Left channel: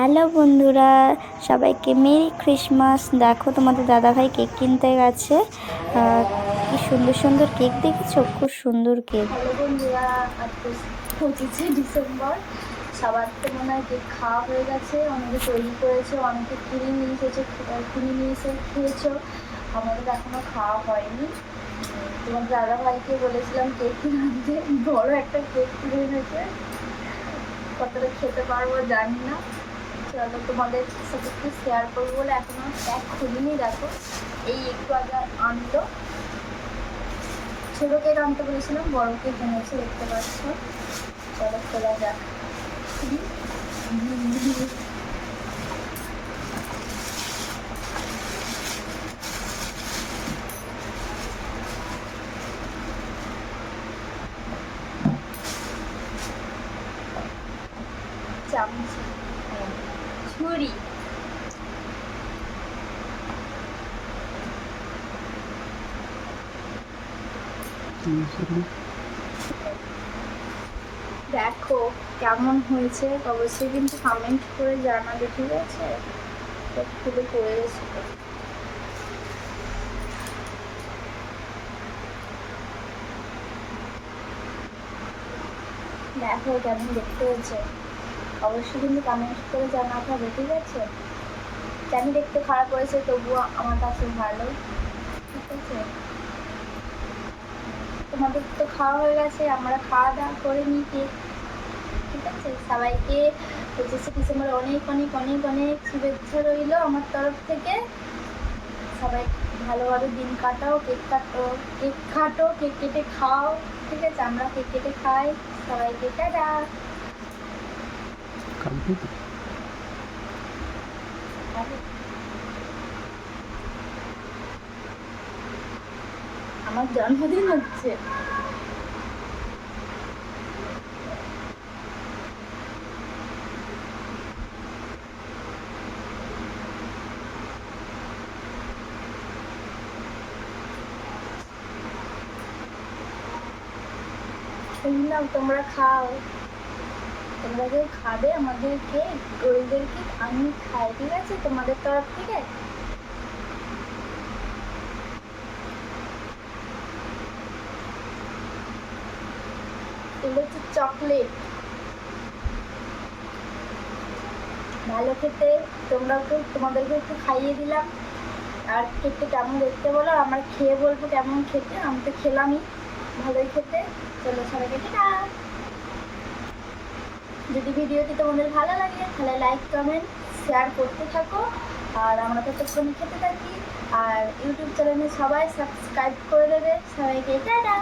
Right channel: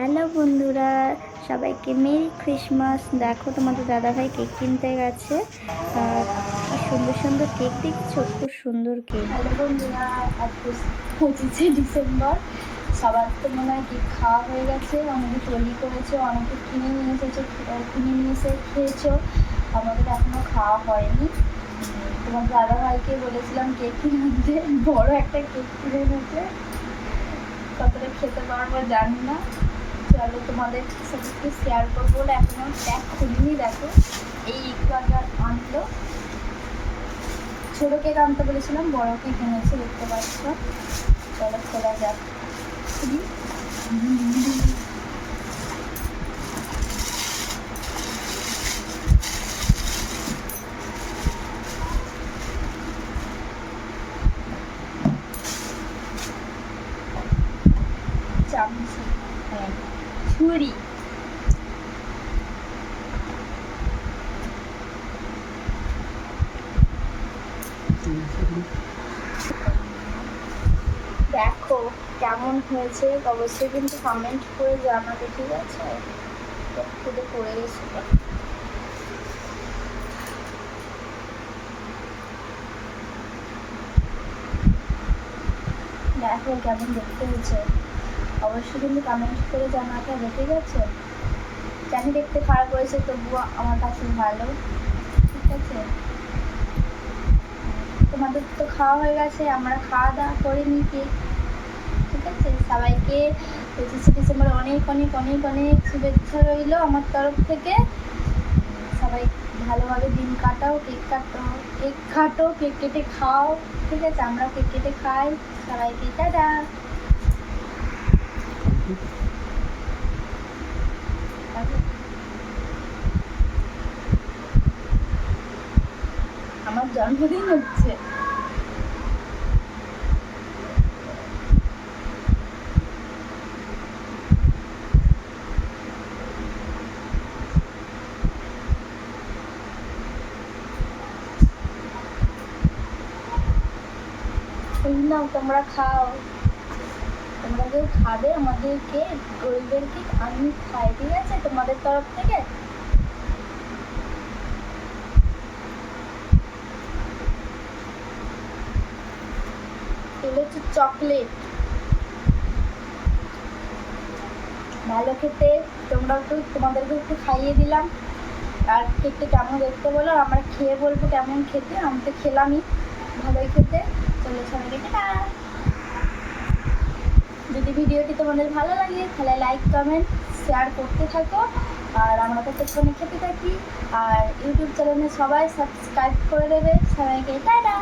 Hello বন্ধুরা, সবাইকে merry Christmas. দেখো তোমাদের দাদাভাই কেক কিনতে গেছে। কি সুন্দর সুন্দর কেক দেখেছো, খুব সুন্দর কেক। হ্যালো বন্ধুরা, আজকে 25শে ডিসেম্বর। সবার তো মনে হয় কেক খাওয়া হয়ে গেছে, অনেকে তৈরি করেছে, অনেকে কিনে নিয়ে এসেছে, কিনে নিয়ে এসে খেয়েছো। আমাদের এখনও খাওয়া হয়নি। তোমার দাদাভাইকে বলেছিলাম কেক কিনে আনতে, বড় একটা কেক কিনে এনেছে। কতটা খেতে পারবো জানি না। চলো তোমাদের সাথে একটু শেয়ার করবো বলে এখনও প্যাক খুলিনি। দেখো এই একটু আগে আনতো, ছোটো কেক আনতে বলেছিলাম, বড় কেক এনেছে, দেখতে পাচ্ছ। চলো খোলা যাক। চামচ, ছুরি, দেখো কেমন হয়েছে অবশ্যই কিন্তু কমেন্ট করে জানাবে, ঠিক আছে। খুলে পড়ে গেছে। দেখো কেমন দেখতে হয়েছে, অবশ্যই কিন্তু কমেন্ট করে জানাতে হবে, ঠিক আছে। জানি দেখতে খারাপ হয়েছে, তবুও আমার কাছে ভালো, ঠিক আছে। তোমাদের তো খাওয়া হয়ে গেছে, আমরা খাওয়া দাওয়া করে নিই কেক, ঠিক আছে। সবাইকে 25শে ডিসেম্বর অনেক অনেক অনেক অনেক শুভেচ্ছা রইল আমার তরফ থেকে। সবাই ভালোভাবে দিন কাটাও, কেক কাটো, কেক কেটে খাও, ঠিক আছে। আমরা কেক কেটে খাই। সবাইকে টাটা। আমার জন্মদিন হচ্ছে। না, তোমরা খাও, তোমরা যে খাবে আমাদেরকে, ওইদেরকে আমি খাই, ঠিক আছে, তোমাদের তরফ থেকে। এগুলো হচ্ছে চকলেট, ভালো খেতে। তোমাদেরকে একটু খাইয়ে দিলাম। আর কেকটা কেমন দেখতে বলো, আর আমরা খেয়ে বলবো কেমন খেতে। আমি তো খেলামই, ভালোই খেতে। চলো সবাইকে টাটা। যদি ভিডিওটি তোমাদের ভালো লাগে তাহলে লাইক কমেন্ট শেয়ার করতে থাকো। আর আমরা ততক্ষণে খেতে থাকি। আর ইউটিউব চ্যানেলে সবাই সাবস্ক্রাইব করে দেবে। সবাইকে টাটা।